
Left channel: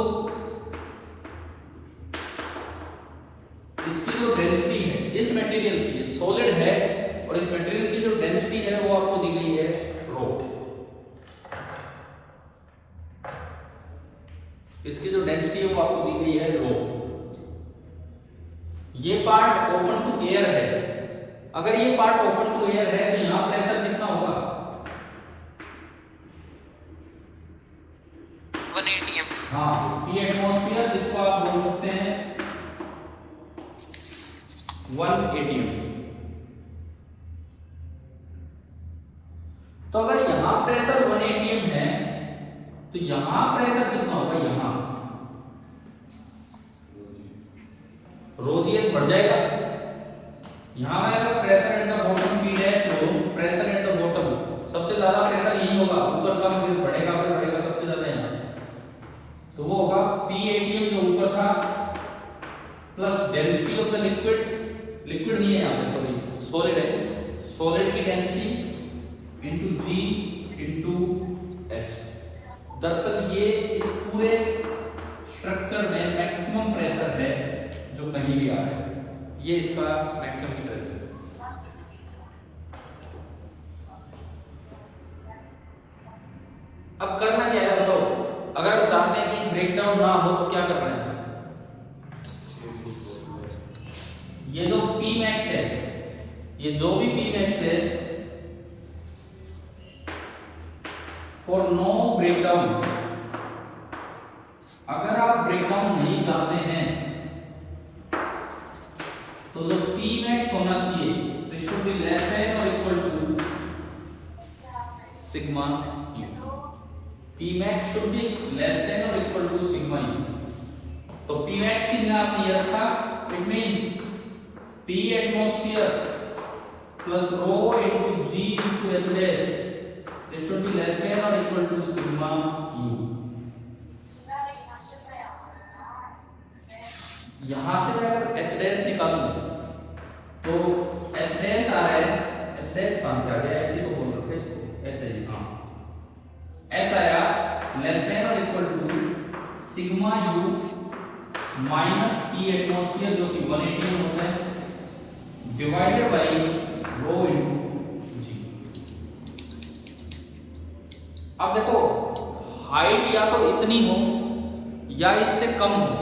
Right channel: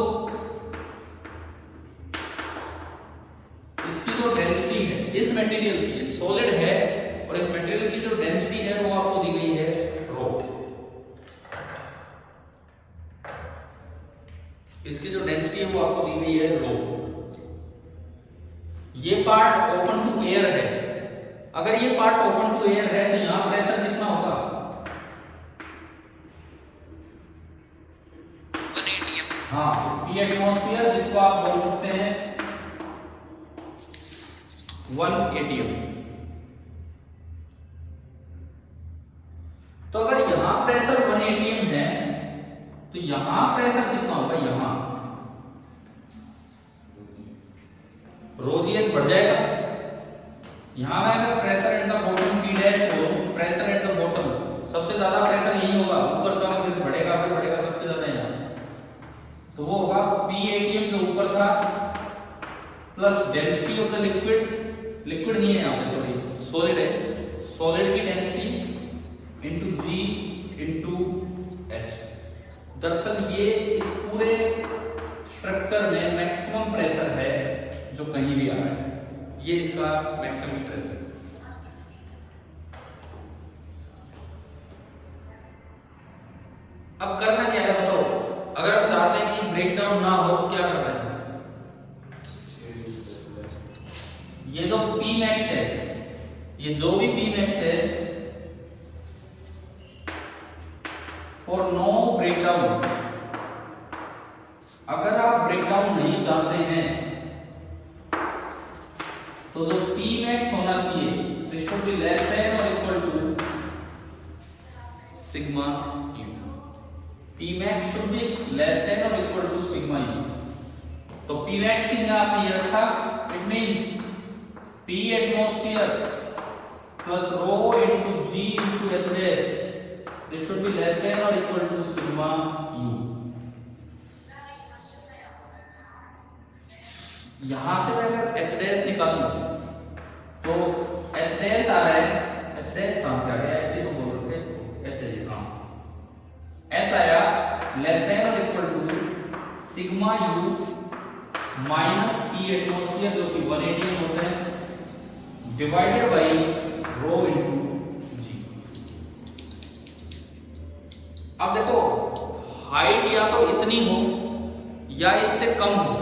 इसकी जो डेंसिटी है इस मटेरियल की, ये सॉलिड है और इस मटेरियल की जो डेंसिटी है वो आपको दी गई है रो। इसकी जो डेंसिटी है वो आपको दी गई है रो। ये पार्ट ओपन टू एयर है, अगर ये पार्ट ओपन टू एयर है तो यहां प्रेशर कितना होगा? 1 atm। हाँ, P एटमॉस्फेयर, जिसको आप बोल सकते हैं 1 atm। तो अगर यहां प्रेशर 1 atm है तो यहां प्रेशर कितना होगा, यहां ρgh बढ़ जाएगा। यहां में अगर pressure at the bottom P dash हो, प्रेशर एट द बॉटम सबसे ज्यादा प्रेशर यही होगा, ऊपर कम फिर बढ़ेगा सबसे ज्यादा यहाँ, तो वो होगा P atm जो ऊपर था plus density of the liquid, liquid नहीं है यहाँ पे सॉरी सॉलिड है, सॉलिड की density into G into H। दरअसल ये इस पूरे स्ट्रक्चर में मैक्सिमम प्रेशर है जो कहीं भी आ रहा है, ये इसका मैक्सिमम स्ट्रेस है। अब करना क्या है बताओ, अगर हम चाहते हैं कि ब्रेकडाउन ना हो तो क्या करना है, ये जो Pmax है, ये जो भी Pmax है फॉर नो ब्रेकडाउन, अगर आप ब्रेकडाउन नहीं चाहते हैं तो जो Pmax होना चाहिए this should be less than और equal to sigma u। Pmax should be less than और इक्वल टू सिग्मा u। तो Pmax की जगह आपने ये रखा, it means P atmosphere plus rho into G into H dash, this should be less than or equal to sigma u। यहां से मैं अगर H dash निकालूं तो H dash आ रहा है, H dash कहां से आ गया, H तो बोल रखे इसको, H है हाँ, H आया लेस देन और equal to sigma u minus P atmosphere जो कि 1 atm होता है divided by rho into G. अब देखो हाइट या तो इतनी हो या इससे कम हो,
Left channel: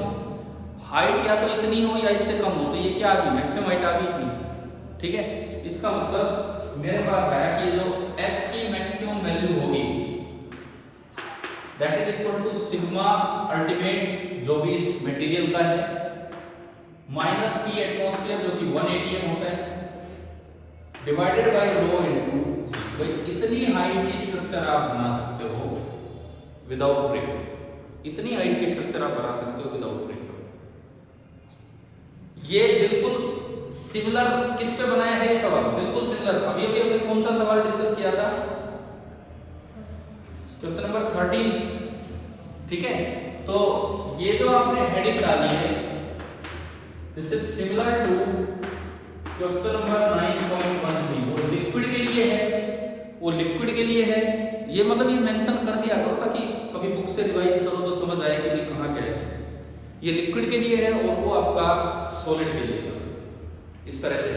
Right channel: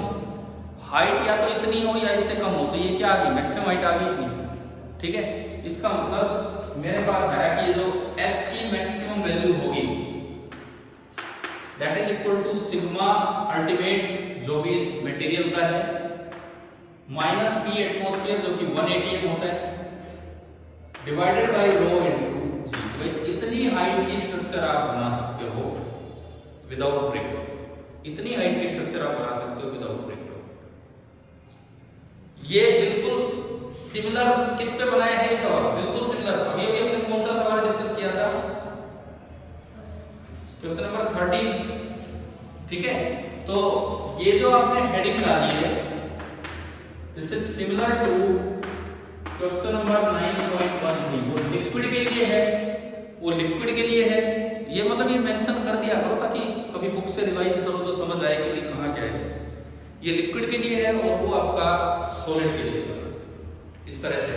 हाइट या तो इतनी हो या इससे कम हो, तो ये क्या आ गई, मैक्सिमम हाइट आ गई इतनी, ठीक है। इसका मतलब मेरे पास आया कि ये जो x की मैक्सिमम वैल्यू होगी that is equal to sigma ultimate जो भी इस मटेरियल का है माइनस P एटमॉस्फेयर जो कि 1 atm होता है डिवाइडेड बाय रो इनटू जी। भाई इतनी हाइट की स्ट्रक्चर आप बना सकते हो विदाउट ब्रेकडाउन, इतनी हाइट की स्ट्रक्चर आप बना सकते हो विदाउट ब्रेकडाउन। ये बिल्कुल सिमिलर किस पे बनाया है ये सवाल, बिल्कुल सिमिलर। अभी भी हमने कौन सा सवाल डिस्कस किया था, क्वेश्चन नंबर 13, ठीक है। तो ये जो आपने हेडिंग डाली है this is similar to question number 9.13, वो लिक्विड के लिए है, वो लिक्विड के लिए है। ये मतलब ये मेंशन कर दिया करो ताकि कभी बुक से रिवाइज करो तो समझ आए कि भाई कहाँ क्या है। ये लिक्विड के लिए है और वो आपका सॉलिड के लिए है, इस तरह से।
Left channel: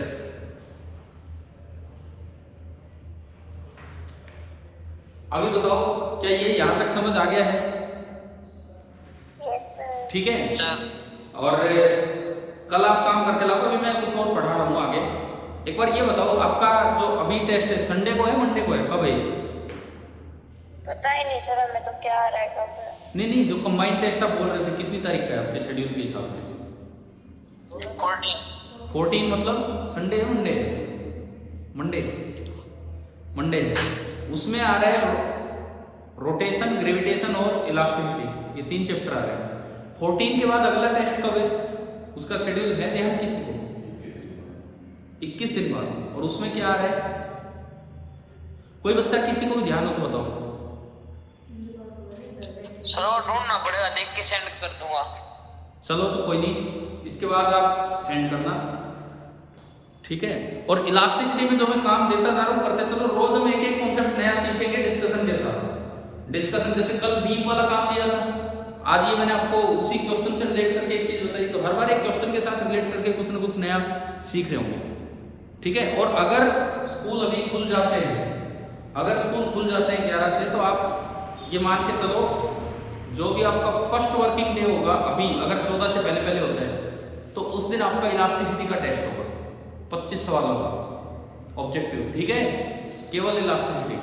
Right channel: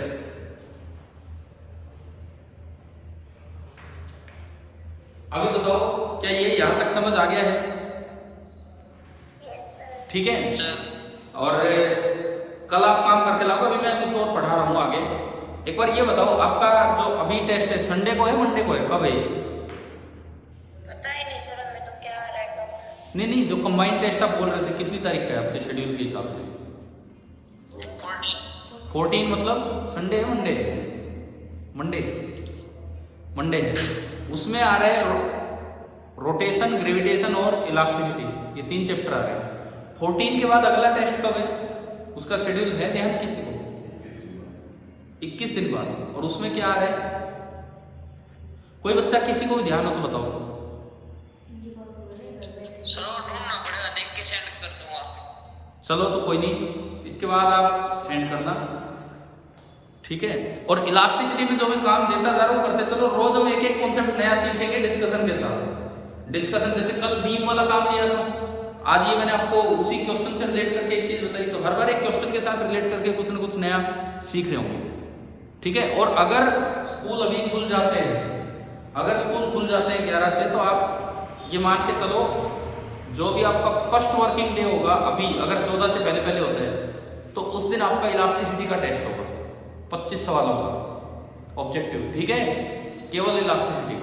अभी बताओ क्या ये यहां तक समझ आ गया है, ठीक है। और कल आप काम करके लाओ, अभी मैं कुछ और पढ़ा रहा हूँ आगे। एक बार ये बताओ आपका जो अभी टेस्ट है संडे को है मंडे को है, कब है? पता ही नहीं सर हमें तो क्या आ रहा है कब है। नहीं जो कंबाइंड टेस्ट आप बोल रहे थे कितनी तारीख का है आपके शेड्यूल के हिसाब से? 14 मतलब संडे है मंडे? मंडे है। उसमें आ रहा है रोटेशन, ग्रेविटेशन और इलास्टिसिटी, ये 3 चैप्टर आ रहे हैं। 14 के बाद अगला टेस्ट कब है? उसका शेड्यूल है ध्यान किसी को? 21 दिन बाद। और उसमें क्या आ रहा है? कोई बच्चा किसी को भी ध्यान हो तो बताओ। चलो ढूंढना पड़ेगा, देख के सेंड कर दूंगा। चलो तो कोई नहीं, इसके बाद आप सेंड करना, ठीक है। और इलास्टिसिटी में जो मैं काम देता जा रहा हूँ करते चलो, रोज हम एक एक कॉन्सेप्ट नया सीखेंगे डिस्कशन के साथ। डिस्कशन जैसे कल बीम वाला काम दिया था, आज ये मैंने आपको उसी क्वेश्चन से रिलेट करके एक चीज बताई, तो हर बार एक क्वेश्चन के साथ रिलेट करके कुछ ना कुछ नया सीख रहे होंगे, ठीक है। और अगर स्कूल अभी खुल जाते हैं, अगर स्कूल खुल जाते हैं 11 से, तो आप ये मान के चलो जो भी आपका फर्स्ट वर्किंग डे होगा, अभी अगर 14 से पहले होता है तो उस दिन आपका इलास्टिसिटी का टेस्ट होगा, 25 सवालों का ऑब्जेक्टिव, ठीक है, केवल इलास्टिसिटी।